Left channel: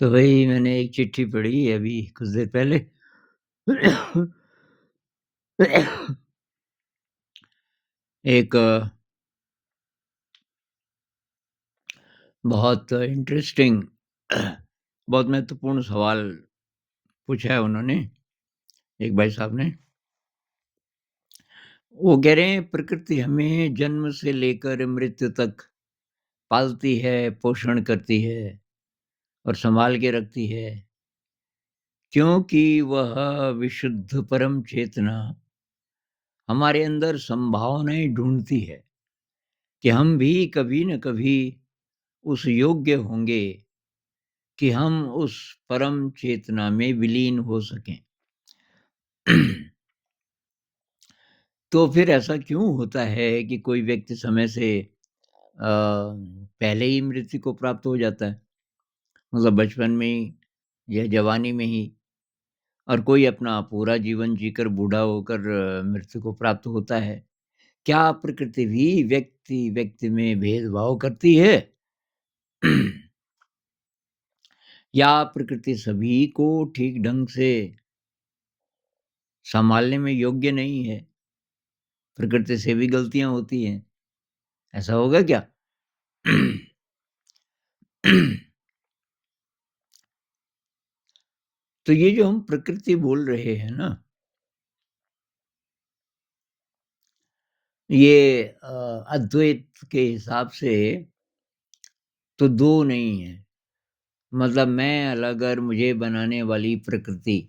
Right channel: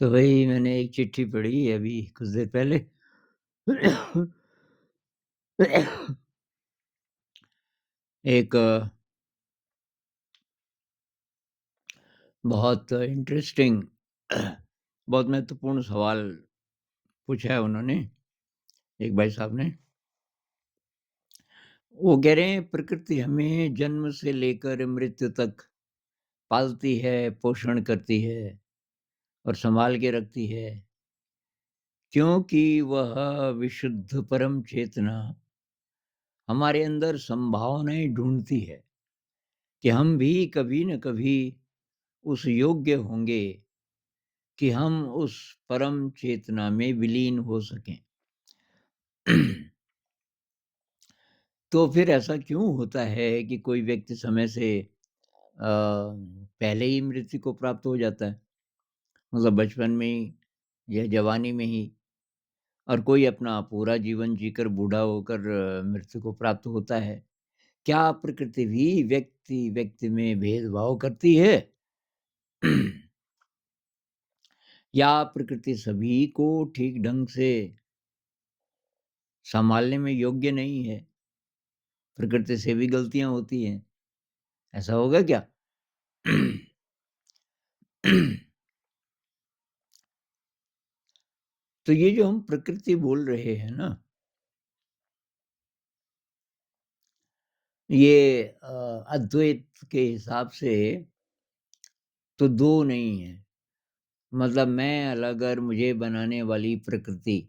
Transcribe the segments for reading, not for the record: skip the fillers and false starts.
तो वही मैंने एक चिट्ठी पढ़ी अभी कुछ देर पहले। एक बहुत इंटरेस्टिंग बहुत महत्वपूर्ण सवाल पूछा है उन्होंने, एक भाई साहब ने। वो कह रहे हैं प्रकृति हमें जन्म से लेकर मृत्यु तक पालती है, पोषण करती है और सँभाल के रखती है, क्योंकि वह विशुद्ध परम चेतना हमारे अंदर संभावनाएँ ढूँढती है कि हम भी कभी न कभी उस योग्य होंगे कि हम उस परम चेतना में विलीन हो सकें। तो फिर ऐसा क्यों होता है कि कोई व्यक्ति समय से पहले ही मृत्यु को प्राप्त हो जाता है? मतलब बचपन में ही या जवानी में ही, और कोई अपना पूरा जीवन जीकर बूढ़ा होकर मृत्यु को प्राप्त होता है। क्या प्रकृति भी व्यक्ति-व्यक्ति में भेदभाव करती है? या प्रकृति सभी को ठीक ढंग से सँभालने में योग्य नहीं है? प्रकृति से भी गलतियाँ होती हैं, ऐसा होगा क्या? तो ये जो हम प्रकृति बोल रहे हैं ना, ये अद्वैत के हिसाब से तो 2 नहीं है। मतलब मैं अलग और मुझे बनाने वाली प्रकृति,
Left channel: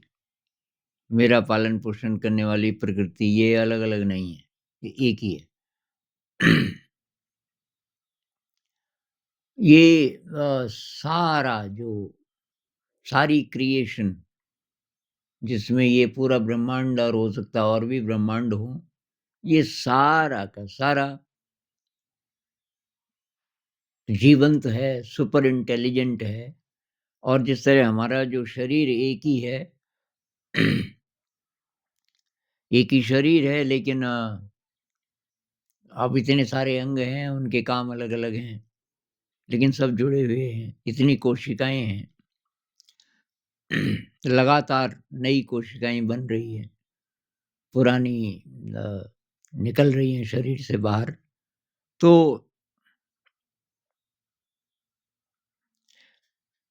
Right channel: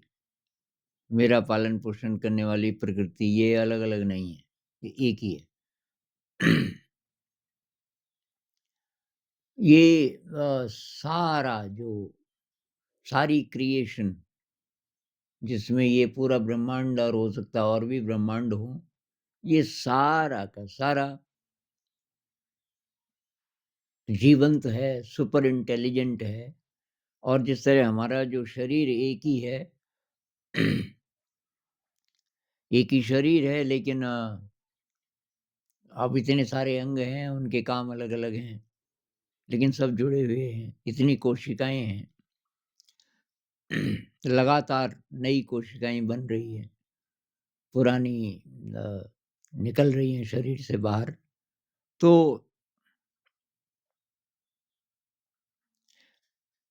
मेरा पालन-पोषण करने वाली प्रकृति, ये अलग-अलग नहीं है, ये एक ही है। ये सारा जो सारी क्रिएशन जिसमें ये पूरा ब्रह्मांड और हो सकता है और भी ब्रह्मांड हो, ये सारा का सारा जीवंत है, सुपर इंटेलिजेंट है। और जिस तरह हमारा जो शरीर एक ही है, एक ही शरीर है, लेकिन अब इतने सारे अंग हैं, उनके काम अलग-अलग हैं, लेकिन सब जुड़े हुए हैं। इतनी कोशिकाएँ हैं, लगातार नई कोशिकाएँ बन रही हैं, पुरानी अ, निकल रही हैं शरीर से बाहर। तो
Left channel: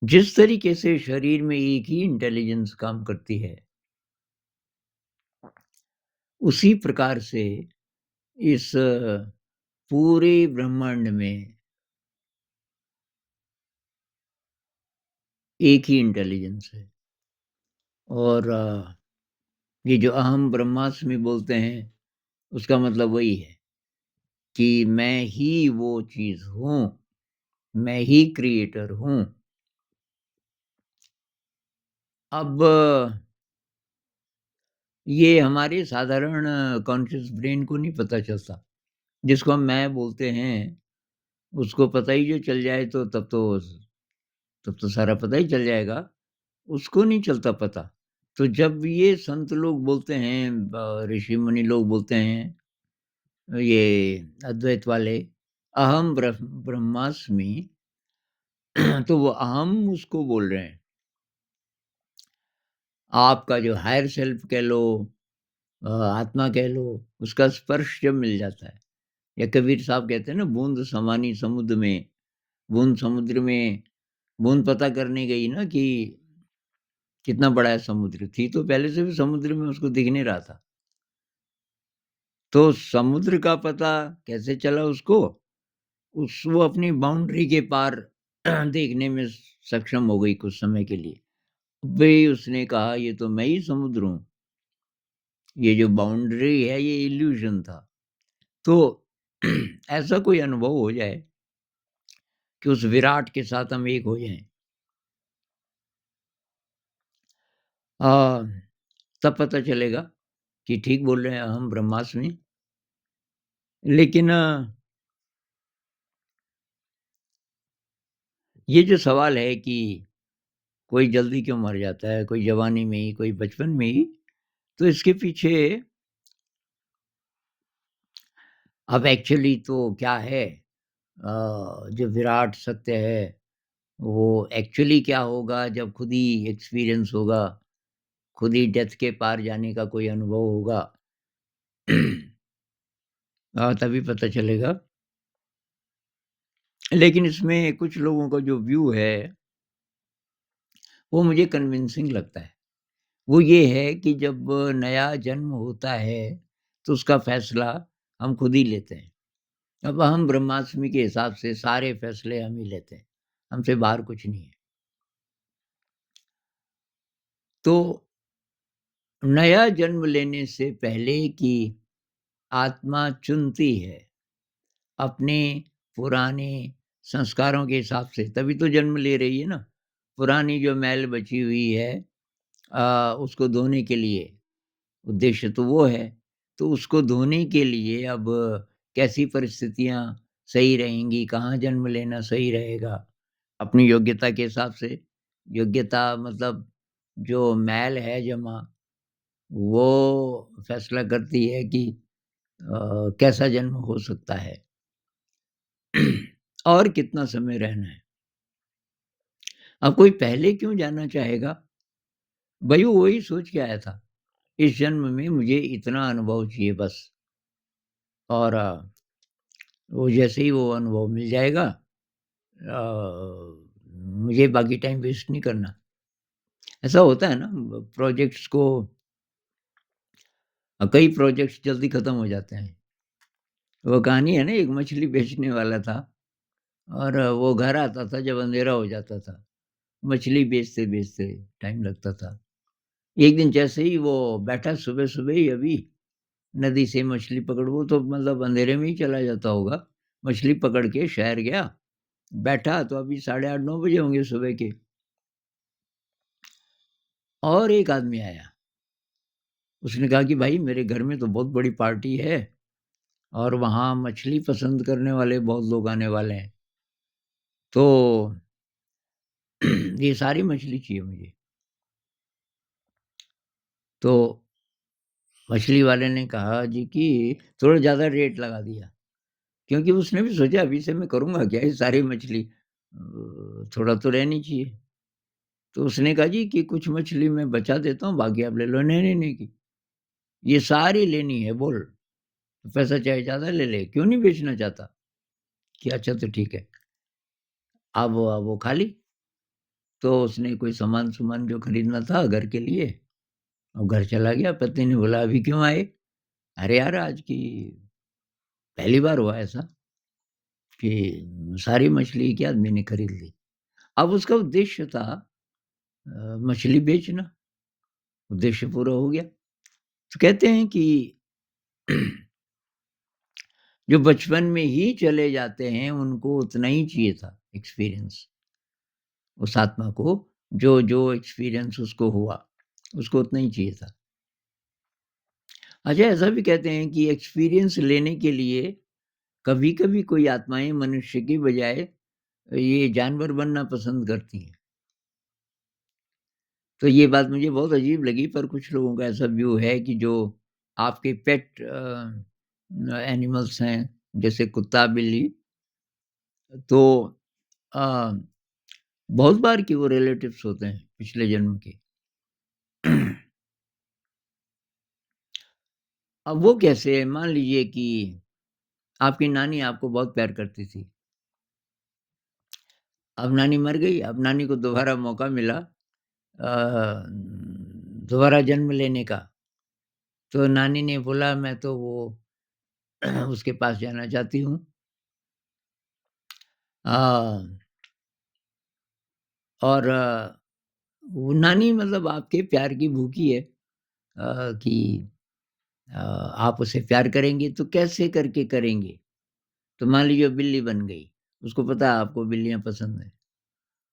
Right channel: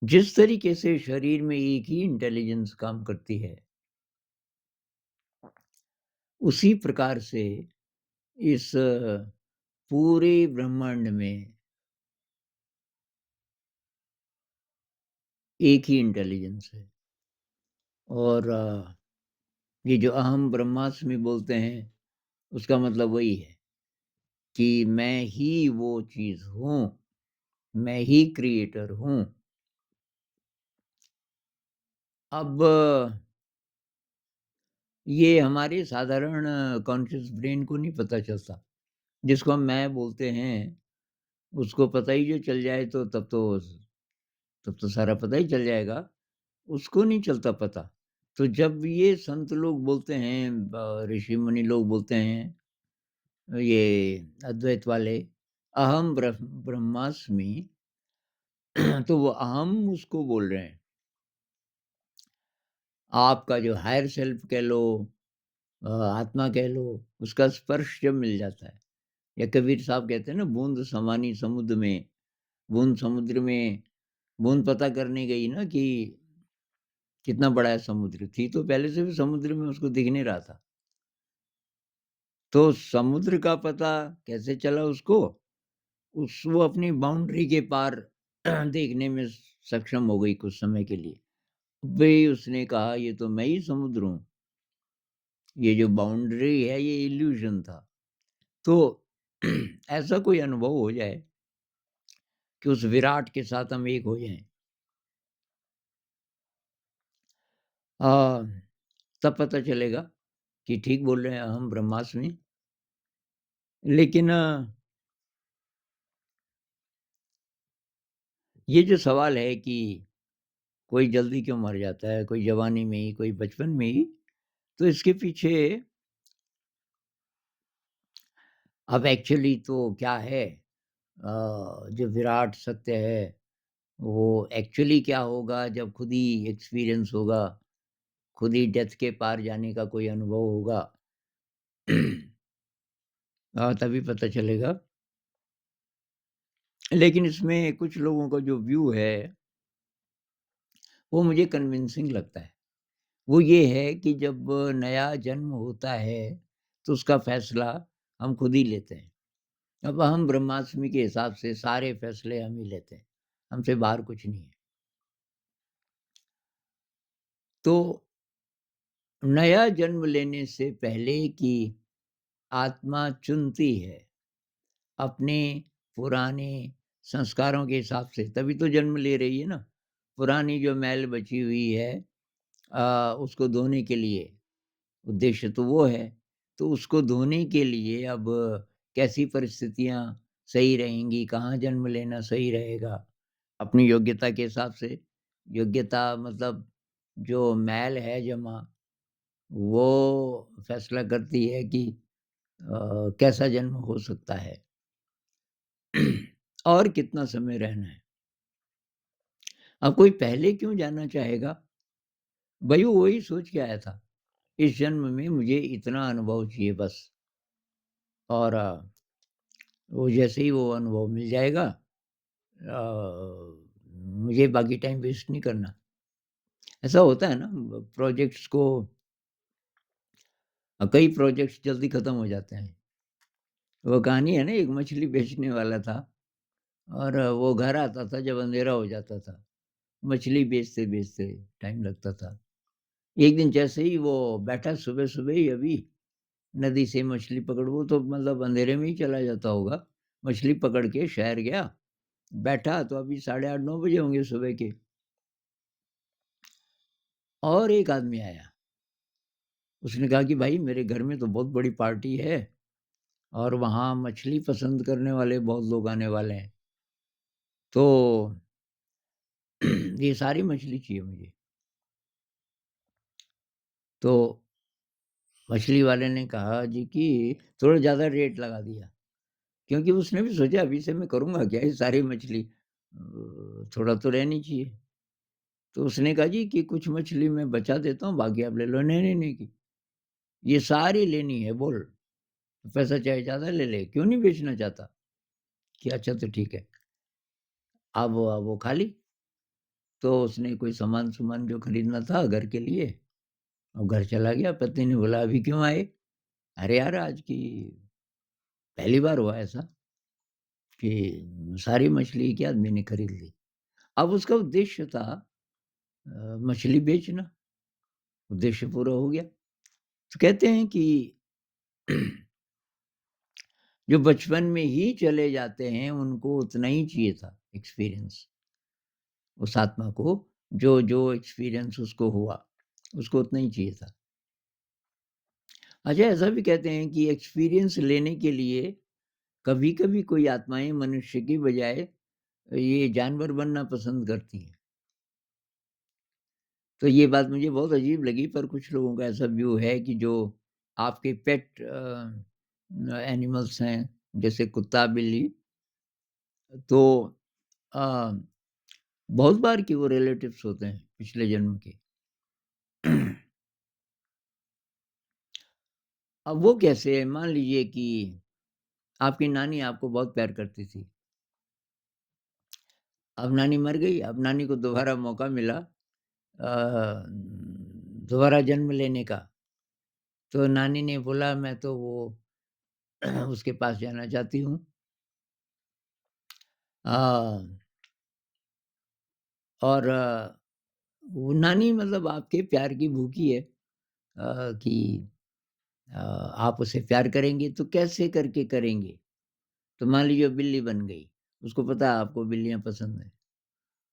जिस तरीके से शरीर में एक ही इंटेलिजेंस काम करती है, उसी प्रकार से इस पूरे ब्रह्मांड में एक ही इंटेलिजेंस है। और ये जो अहम ब्रह्मास्मि बोलते हैं, उसका मतलब वही है कि मैं ही वो चीज़ हूँ, मैं ही क्रिएटर हूँ। अब ये हमारे साधारण कॉन्शियस ब्रेन को नहीं पता चलता। जिसको हम मैं बोलते हैं, उसको पता ही जो चल जाए तो तब तो सारा पता ही चल जाएगा, उसको नहीं चलता पता। तो जब ये संत लोग बोलते हैं, ऋषि-मुनि लोग बोलते हैं, ये अद्वैत वाले, अहम ब्रह्मास्मि, तो वो अहम उसको बोल रहे हैं। आपका जो हायर सेल्फ कह लो, आत्मा कह लो, उसका स्पर्श जब मिल जाता है, या कबीर साहब कहते हैं ना, बूंद समानी समुद्र में, बूंद समुद्र में, बूंद पता करने गई ना कि कितना बड़ा है समुद्र, थी तो पहले से भी समुद्र में, उसको दिख नहीं रहा था। तो समुद्र का पता कैसे चला उसको? वो अपनी बाउंड्री के पार देखने में सक्षम हो गई कुछ समय के लिए। भई उसने कहा ये तो मैं ही समुद्र हूँ, ये जो बाउंड्री है ये इल्यूज़न था। तो ऐसा कोई अनुभव हो जाए कि उस विराट के साथ हम एक हो जाएँ। अ, तब पता चलेगा कि ठीक बोल रहे हैं अहम ब्रह्मास्मि। लेकिन ये जो सवाल है कि कोई जल्दी क्यों मर जाता है, कोई जवानी में ही, कोई बचपन में ही, तो इसके पीछे अब एक्चुअली तो क्या है, जो विराट सत्य है, वो एक्चुअली क्या होगा जब खुद ही एक्सपीरियंस होगा, खुद ही डेथ के पार जाने का कोई अनुभव होगा तभी पता चलेगा। लेकिन इसमें कुछ लोगों का जो व्यू है, वो मुझे कन्विंसिंग लगता है। वो ये है कि जब नया जन्म होता है, तो उसका फैसला हम खुद ही लेते हैं। अब हम ब्रह्मास्मि के हिसाब से सारे फैसले हम ही लेते हैं, हमसे बाहर कुछ नहीं है। तो नया जन्म लेने से पहले की आत्मा चुनती है, अपने पुराने संस्कारों के हिसाब से, तभी तो जन्म ले रही है ना। पुरानी जो मैल बची हुई है उसको धोने के लिए, उद्देश्य तो वो है। तो उसको धोने के लिए अब कैसी परिस्थितियाँ सही रहेंगी, कहाँ जन्म लेना सही रहेगा, अपनी योग्यता के हिसाब से। योग्यता मतलब जो मैल है जमा, वो फैसला करती है कि कैसा जन्म हो सकता है और कितना समय रहना है। अब कोई पहले क्यों जाना चाहेगा? भई वो वही सोच के आया था, इस जन्म में मुझे इतना अनुभव चाहिए बस। और वो जैसे ही वो अनुभव मिल जाएगा मुझे बाकी टाइम वेस्ट नहीं करना। ऐसा होता है ना प्रोजेक्ट्स को कई प्रोजेक्ट्स जल्दी खत्म हो जाते हैं। वो कहानी है ना एक मछली बेचने वाला था और वो घर आता था जब अंधेरा हो जाता था। मछली बेचते-बेचते टाइम लगता था। एक दिन जैसे ही वो बैठा सुबह-सुबह ही अभी नदी से मछली पकड़ वो तो मतलब अंधेरे में ही चला जाता होगा। मछली पकड़ के शहर गया, बैठा तो अभी साढ़े 8 9 बजे होंगे सुबह के और एक आदमी आया। उसने कहा कि भाई मेरे घर में तो बहुत बड़ी पार्टी है और वहाँ मछली पसंद करने वाले बहुत लोग आने वाले हैं। तो ये सारी मछली चाहिए मुझे। तो मछली वाले ने कहा जी कि थोड़ा ज़्यादा रेट लगा दिया। क्योंकि उसने भी सोचा अभी से मैं करूँगा क्या ये सारी मछली थोड़ा तो रहनी चाहिए। तो उसने कहा जी कि कुछ मछली मैं बचा देता हूँ बाकी आप ले लो। नहीं, नहीं, नहीं की ये सारी लेनी है बोल। पैसा चाहे ज़्यादा ले ले, क्यों नहीं बेचना चाहता? कि अच्छा तो ठीक है। अब वो खा ली। तो उसने कोई सामान-सुमान जो खरीदना था घर के लिए, वो घर चला गया। पत्नी ने बोला, "अभी क्यों आए?" "अरे यार, आज की पहली बार हुआ ऐसा कि सारी मछली एक ही आदमी ने खरीद ली।" अब उसका उद्देश्य था मछली बेचना, उद्देश्य पूरा हो गया। तो कहते हैं कि जो बचपन में ही चले जाते हैं, उनको उतना ही चाहिए था एक्सपीरियंस, उस आत्मा को जो एक्सपीरियंस उसको हुआ, उसको उतना ही चाहिए था। अच्छा ऐसा भी कहते हैं कि एक्सपीरियंस लेने के लिए कभी-कभी कोई आत्माएँ मनुष्य की बजाय ये जानवर बनना पसंद करती हैं। तो ये बात मुझे बहुत अजीब लगी पर कुछ लोगों का ऐसा व्यू है कि जो आपके पेट एनिमल्स हैं, जैसे कुत्ता, बिल्ली, तो अ, बहुत बार की वो रिलेटिव्स होते हैं पिछले जन्म के। अब वो कैसे? मान लीजिए कि आपकी नानी आपको बहुत प्यार करती थी। अब नानी मर गई, अब नानी को दोबारा मौका मिला दोबारा जन्म लेने का। तो नानी ने बोला मैं तो वो उसके पास जाना चाहती हूँ। अ, और वो नानी मतलब आपके प्यार की भूखी है कि आप उसे प्यार करेंगे तो कैसे करके करेंगे? तो मान लीजिए बिल्ली बन गई, उसको पता है आपको बिल्लियाँ पसंद हैं।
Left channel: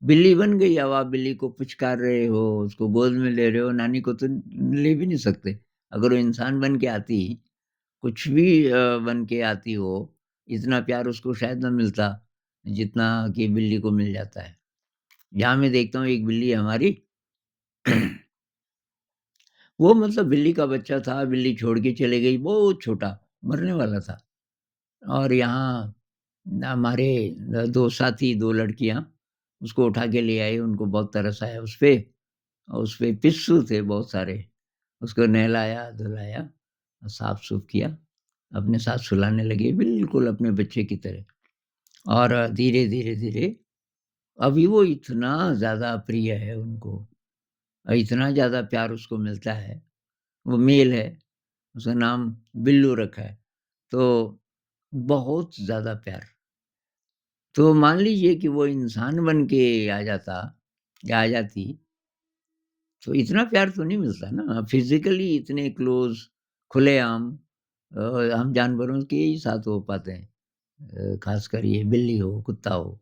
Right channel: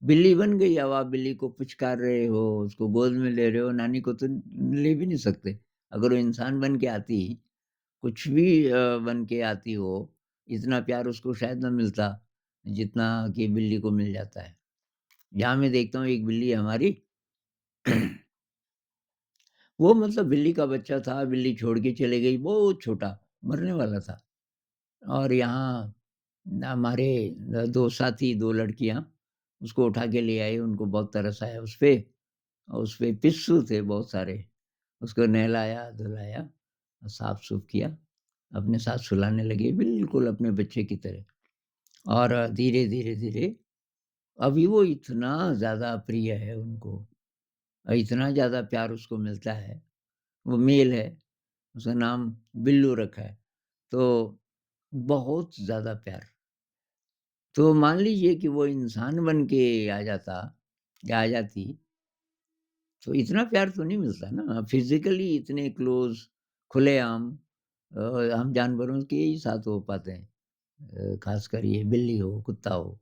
बिल्ली बन गई, अब आप बिल्ली को पुचकार रहे हो, उसको गोद में ले रहे हो, नानी को तो ले भी नहीं सकते। अगर वो इंसान बन के आती, कुछ भी बन के आती हो, इतना प्यार उसको शायद ना मिलता, जितना कि बिल्ली को मिल जाता है। यहाँ मैं देखता हूँ एक बिल्ली है हमारी, वो मतलब बिल्ली का बच्चा था, बिल्ली छोड़ के चली गई, बहुत छोटा, मरने वाला था। और यहाँ हमारे 2 साथी, 2 लड़कियाँ उसको उठा के ले आए, उनको बहुत तरस आया उसपे और उसपे पिस्सू थे बहुत सारे। उसको नहलाया, धुलाया, साफ-सूफ किया, अपने साथ सुलाने लगे बिल्कुल अपने बच्चे की तरह और धीरे-धीरे, धीरे अभी वो इतना ज़्यादा प्रिय है उनको इतना ज़्यादा प्यार उसको मिलता है, वो मेल है, उसका नाम बिल्लू रखा है, तो बहुत ज़्यादा प्यार। तो मान लीजिए कि वो इंसान बन के आ जाता या आ जाती, तो इतना प्यार तो नहीं मिलता ना, फिज़िकली इतने क्लोज़, खुलेआम हम जानवरों के ही साथ हो पाते हैं। ख़ासकर ये बिल्ली हो, कुत्ता हो।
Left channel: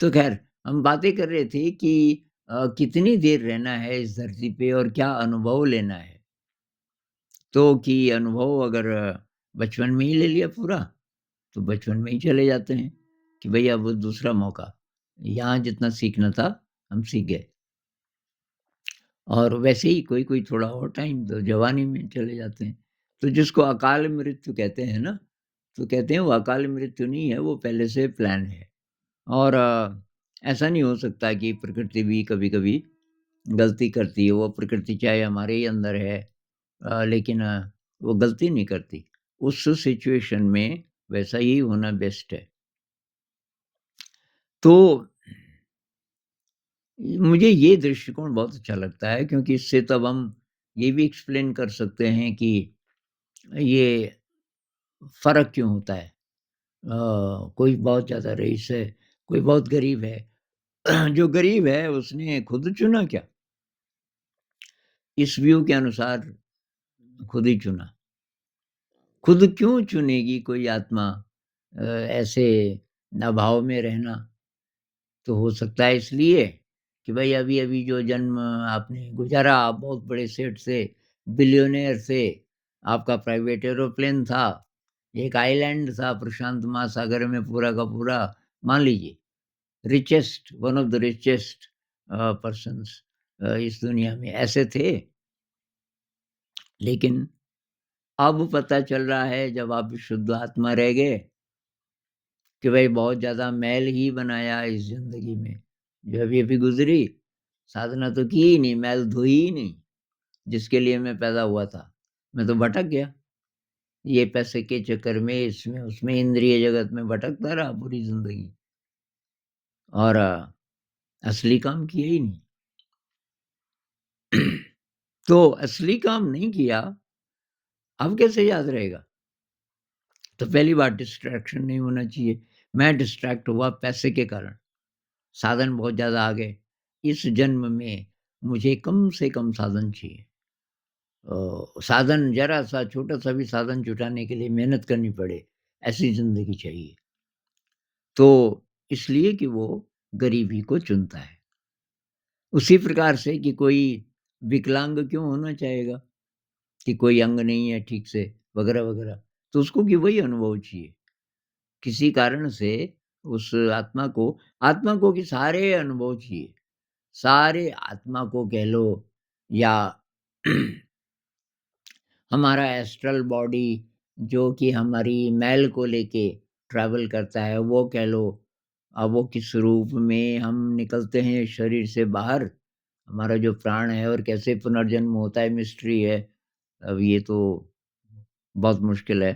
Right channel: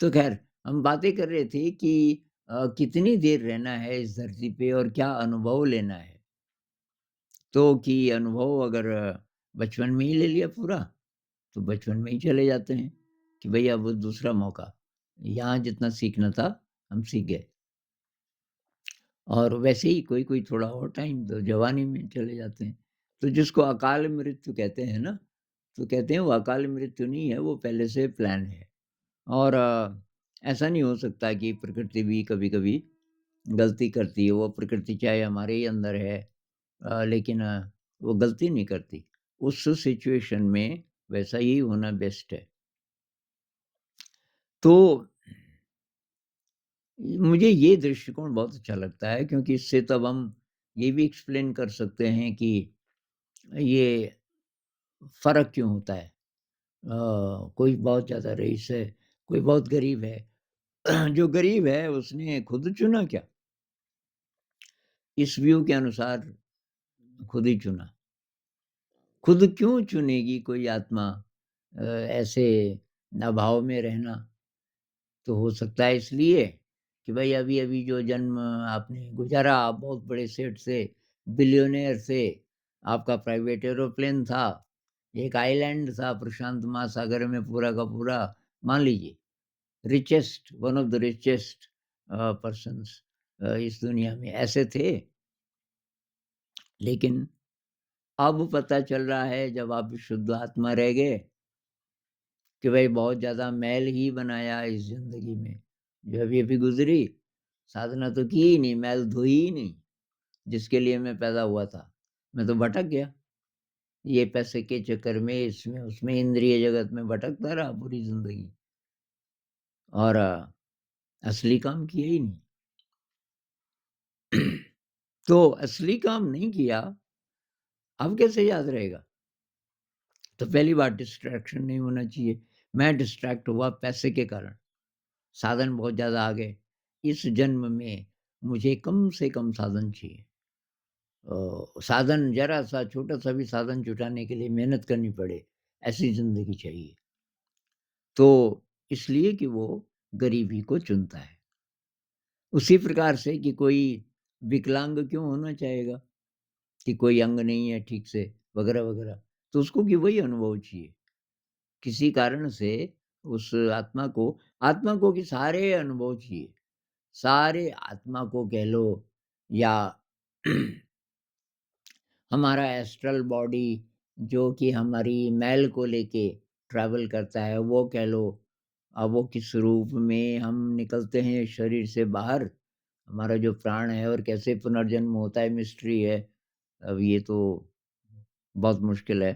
तो ख़ैर हम बातें कर रहे थे कि कितनी देर रहना है इस धरती पे और क्या अनुभव लेना है। तो कि अनुभव अगर बचपन में ही ले लिया पूरा, तो बचपन में ही चले जाते हैं कि भई अब दूसरा मौका। यहाँ जितना सीखना था, हम सीख गए। और वैसे ही कोई-कोई थोड़ा और टाइम तो जवानी में चले जाते हैं। तो जिसको अकाल मृत्यु कहते हैं ना, तो कहते हैं वो अकाल मृत्यु नहीं है, वो पहले से प्लान है। और ऐसा नहीं हो सकता कि प्रकृति भी कभी-कभी गलती करती है, वो प्रकृति चाहे हमारे ही अंदर है लेकिन वो गलती नहीं करती। उस सिचुएशन में वैसा ही होना बेस्ट है। तो मुझे ये दृष्टिकोण बहुत अच्छा लगता है क्योंकि इससे तब हम ये भी एक्सप्लेन कर सकते हैं कि ये फ़र्क क्यों होता है। कोई बहुत ज़्यादा रईस है, कोई बहुत गरीब है। जो गरीब है उसने खुद चुना क्या? इस व्यू के अनुसार खुद ही चुना। खुद क्यों चुनेगी कोई आत्मा ऐसे अभाव में रहना? तो हो सकता है इसलिए कि भाई अभी-अभी जो जन्म आपने गुज़ारा, आप बहुत बड़े सेठ से, बिलियनेयर से, आपका प्राइवेट एरोप्लेन था, एक आइलैंड था प्रशांत महासागर में पूरा का पूरा, मान लीजिए richest one of the richest persons इस दुनिया में ऐसे थे। लेकिन अब पता चल रहा है जब आप शुद्ध आत्मा रह गए कि भाई बहुत ज़्यादा मैल ही बनाया इस ज़िंदगी में। जो अभी-अभी गुज़री, साधना तो की ही नहीं, मैल धोई ही नहीं, जिसके लिए मैं पैदा हुआ था। मैं तो भटक गया। ये पैसे के चक्कर में, इसमें, उसमें, इंद्रिय जगत में भटकता रहा पूरी ज़िंदगी और असली काम किया ही नहीं। तो असली काम नहीं किया, अब कैसे याद रहेगा? तो पहली बात डिस्ट्रैक्शन नहीं होना चाहिए। मैं डिस्ट्रैक्ट हुआ पैसे के कारण। साधन बहुत ज़्यादा आ गए। इस जन्म में मुझे कम से कम साधन चाहिए। साधन ज़रा-सा छोटा-सा भी साधन जुटाने के लिए मेहनत करनी पड़े, ऐसी ज़िंदगी चाहिए। तो इसलिए कि वो गरीबी को चुनता है। उसी प्रकार से कि कोई विकलांग क्यों होना चाहेगा, कि कोई अंग नहीं है ठीक से वगैरह-वगैरह। तो उसको भी वही अनुभव चाहिए। किसी कारण से उस आत्मा को कि सारे अनुभव चाहिए। सारे आत्मा को कह लो या हमारा एस्ट्रल बॉडी जो कि हमारी मैल को लेके ट्रैवल करता है वो कह लो। अब वो किस रूप में हम निकलते हैं शरीर से बाहर, हमारा जो प्राण है और कैसे पुनर्जन्म होता है मिस्ट्री है। अब ये तो बहुत मुश्किल है।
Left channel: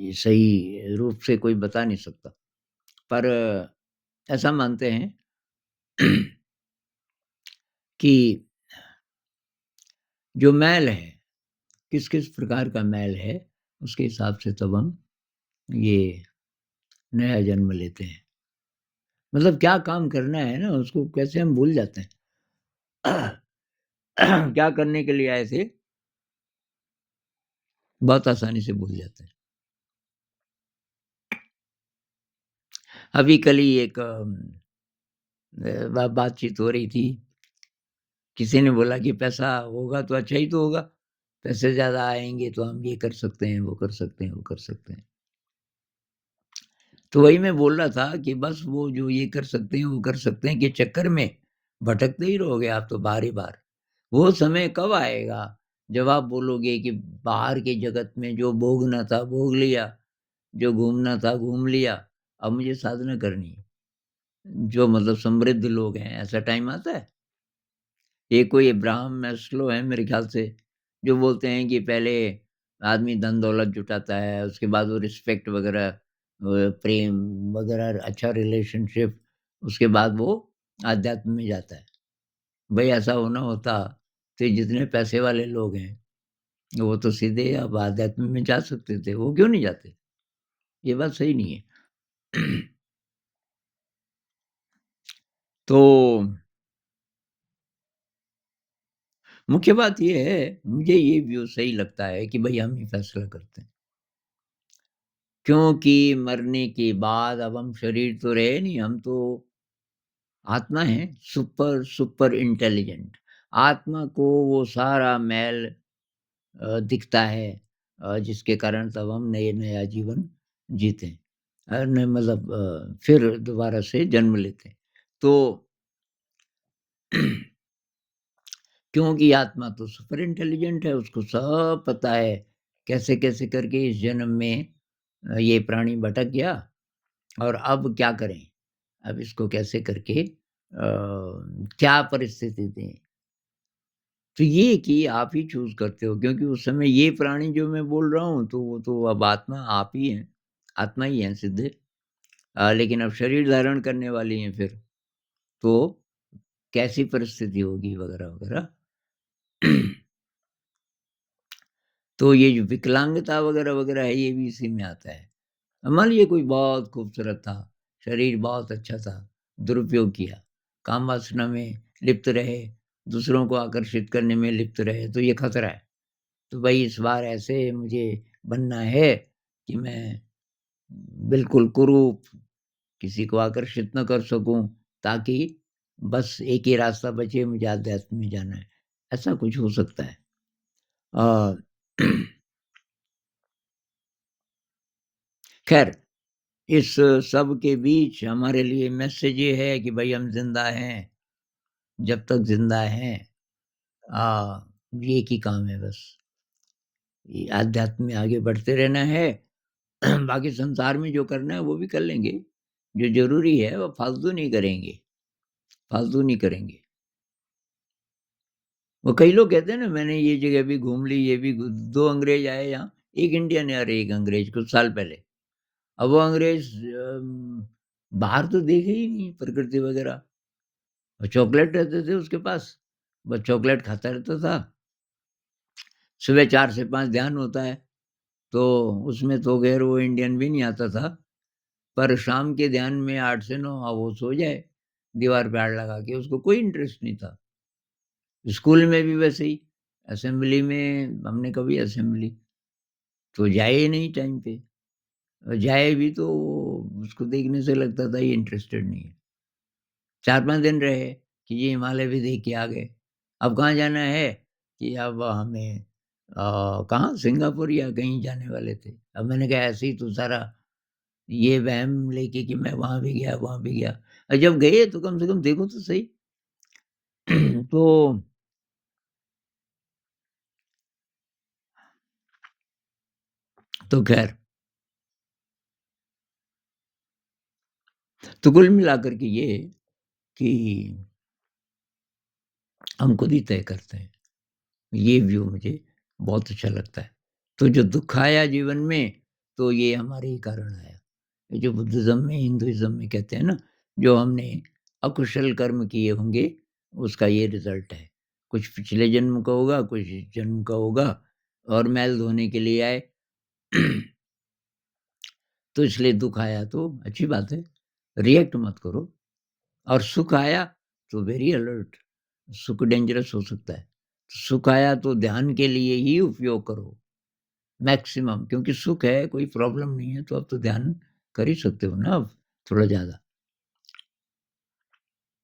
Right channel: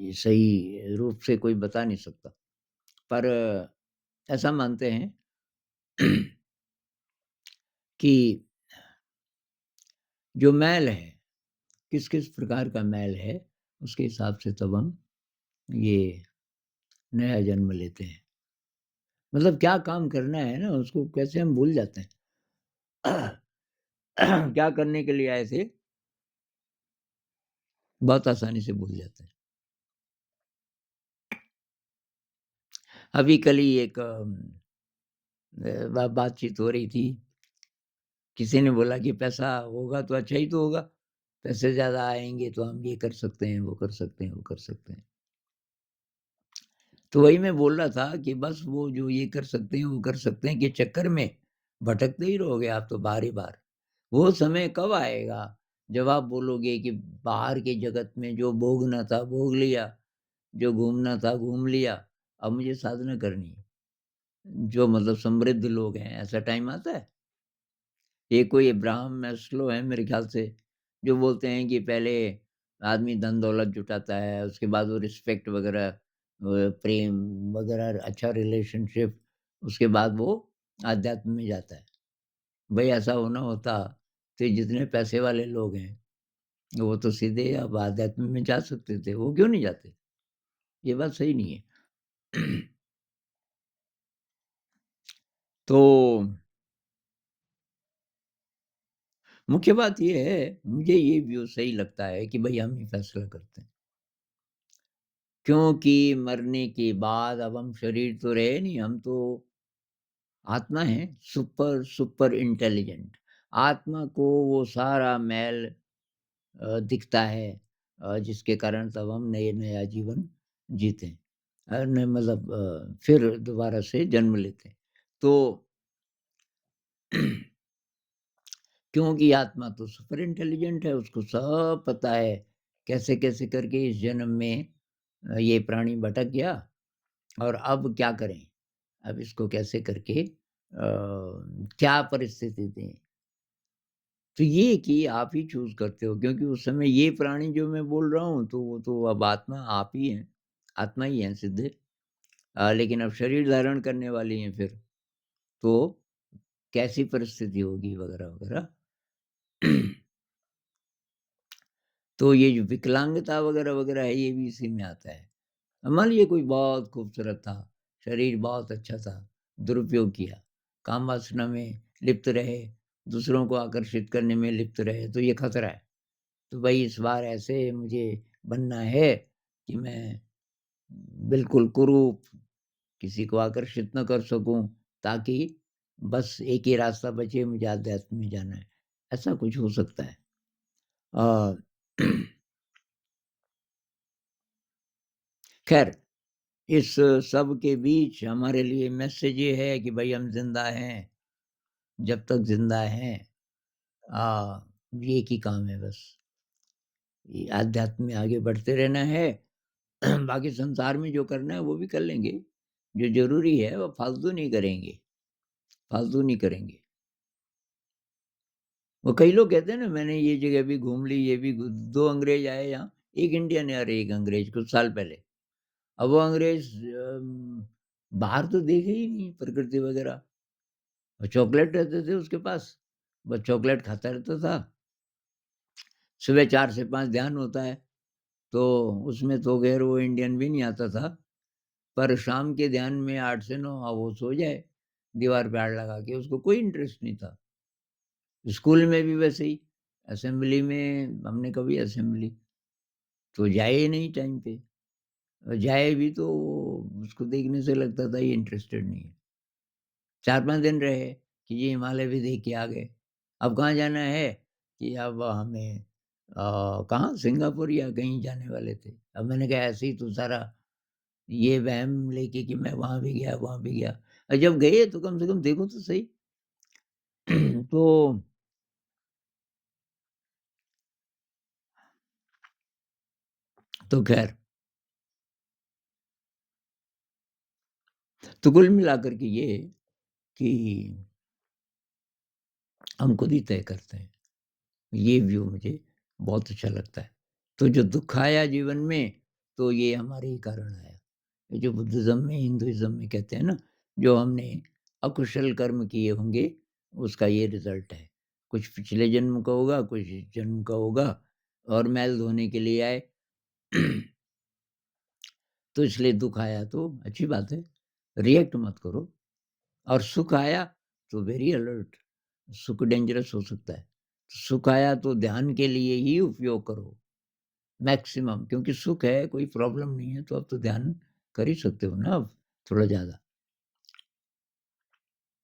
ये सही रूप से कोई बता नहीं सकता। पर ऐसा मानते हैं कि जो मैल है, किस-किस प्रकार का मैल है, उसके हिसाब से तब हम ये नया जन्म लेते हैं। मतलब क्या काम करना है ना, उसको कैसे हम भूल जाते हैं। क्या करने के लिए आए थे, बहुत आसानी से भूल जाते हैं। अभी कल ही एक बातचीत हो रही थी। किसी ने बोला कि पैसा होगा तो अच्छा ही तो होगा। पैसे ज़्यादा आएँगे तो हम ये कर सकते हैं, वो कर सकते हैं, वो कर सकते हैं। तो वही मैं बोल रहा था कि बस वो जो ये कर सकते हैं, वो कर सकते हैं के चक्कर में भटकते ही रहोगे आप तो बार ही बार। वो समय कब आएगा जब आप बोलोगे कि बाहर के जगत में जो भोगना था भोग लिया, जो घूमना था घूम लिया। अब मुझे साधना करनी है। जो मतलब समृद्ध लोग हैं, ऐसा टाइम आता है। ये कोई अब्राहम मैस्लो है मेरे ख़्याल से, जो बोलते हैं कि पहले आदमी धन-दौलत जुटाता है, उसके बाद वो रिस्पेक्ट वग़ैरह प्रेम वग़ैरह अच्छा रिलेशनशिप, उसके बाद वो आध्यात्म में जाता है। भई ऐसा होना होता, तो ये जितने पैसे वाले लोग हैं, वो तो सीधे अब आध्यात्म में जा सकते थे, वो क्यों नहीं जाते? ये बात सही नहीं है। तो मुख्य बात ये है, मुझे ये व्यू सही लगता है कि भई हम ही फैसला करते हैं। क्योंकि मरने के बाद अब हम शरीर तो रहे नहीं, हम तो आत्मा हैं, सुपर सुपर इंटेलिजेंट। आत्मा को वो सारा मैल दिखता है जिसके कारण तब हम नया जीवन जीते हैं। न मतलब फिर दोबारा से जन्म लेते हैं। तो क्योंकि आत्मा तो सुपर इंटेलिजेंट है, उसको सब पता है, कैसे-कैसे करके इस जन्म में ये प्राणी भटक गया और अब क्या करें? अब इसको कैसे करके क्या परिस्थिति दें? तो ये कि आप ही चूज़ करते हो क्योंकि उस समय ये प्राणी जो मैं बोल रहा हूँ, तो वो तो अब आत्मा आप ही हैं, आत्मा ही हैं सीधे। लेकिन अब शरीर धारण करने वाली हैं फिर, तो कैसी परिस्थिति होगी वगैरह-वगैरह। तो ये जो विकलांगता वगैरह-वगैरह है, ये भी इसी में आता है। अब मान लीजिए कोई बहुत खूबसूरत था, शरीर बहुत अच्छा था, दुरुपयोग किया, काम-वासना में लिप्त रहे, दूसरों को आकर्षित करने में लिप्त रहे, तो ये खतरा है। तो भई इस बार ऐसे मुझे बनना है कि मैं बिल्कुल कुरूप, किसी को आकर्षित ना कर सकूँ, ताकि बस एक ही रास्ता बचे, मुझे आध्यात्म में जाना है। ऐसा कुछ हो सकता है। अ, खैर इस सब के बीच हमारे लिए मैसेज ये है कि भई हम ज़िंदा हैं, जब तक ज़िंदा हैं ये एक ही काम है बस, ये आध्यात्म में आगे बढ़ते रहना है। बाकी संसार में जो करना है वो भी कर लेंगे, जो ज़रूरी है वो फालतू नहीं करेंगे, फालतू नहीं करेंगे। वो कई लोग कहते हैं ना मैंने ये जगह भी घूम ली, ये भी घू 2 अंग्रेज़ आए यहाँ, 1 इंडियन और 1 अंग्रेज़ कुछ साल पहले। अब वो अंग्रेज़ बाहर तो देखे ही नहीं प्रकृति वग़ैरह। वो चॉकलेट रहते थे उसके पास, बस चॉकलेट खाता रहता था। सुबह 4 से 5 ध्यान होता है, तो उसमें तो ख़ैर वो इंडियन भी नहीं आता था, पर शाम के ध्यान में 8 से 9 वो सो जाए, दीवार पे आड़ लगा के, उसको कोई इंटरेस्ट नहीं था। स्कूल में भी वैसे ही, असेंबली में हमने कभी असेंबली तो जाए ही नहीं टाइम पे, और जाए भी तो उसको देखने से लगता था ये इंटरेस्टेड नहीं है। 4-5 दिन रहे कि ये हिमालय भी देख के आ गए। अब कहाँ जाना है कि अब हमें कहाँ सिंगापुर या कहीं जाने वाले थे। अब मैंने कहा ऐसे ही तो सारा ये वहम लेके कि मैं वहाँ भी गया, वहाँ भी गया। जब गए तो कम से कम देखो तो सही। तो तो ख़ैर, तो कुल मिलाकर के ये कि हम खुद ही तय करते हैं। ये व्यू मुझे बहुत अच्छा लगता है। तो जो दुःख आया जीवन में, तो ये हमारे ही कारण आया। ये जो बुद्धिज़्म में, हिंदुइज़्म में कहते हैं ना, जो हमने अकुशल कर्म किए होंगे, उसका ये रिज़ल्ट है। कुछ पिछले जन्म का होगा, कुछ इस जन्म का होगा और मैल धोने के लिए आए। तो इसलिए दुःख आया तो अच्छी बात है, रिएक्ट मत करो और सुख आया तो वेरी अलर्ट, सुख डेंजरस हो सकता है। सुख आया तो ध्यान के लिए ही उपयोग करो, मैक्सिमम क्योंकि सुख है, कोई प्रॉब्लम नहीं है, तो अब तो ध्यान कर ही सकते हो ना अब, थोड़ा ज़्यादा।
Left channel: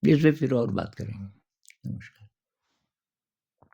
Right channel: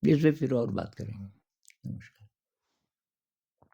इस पे फिर और बात करेंगे। नमस्कार।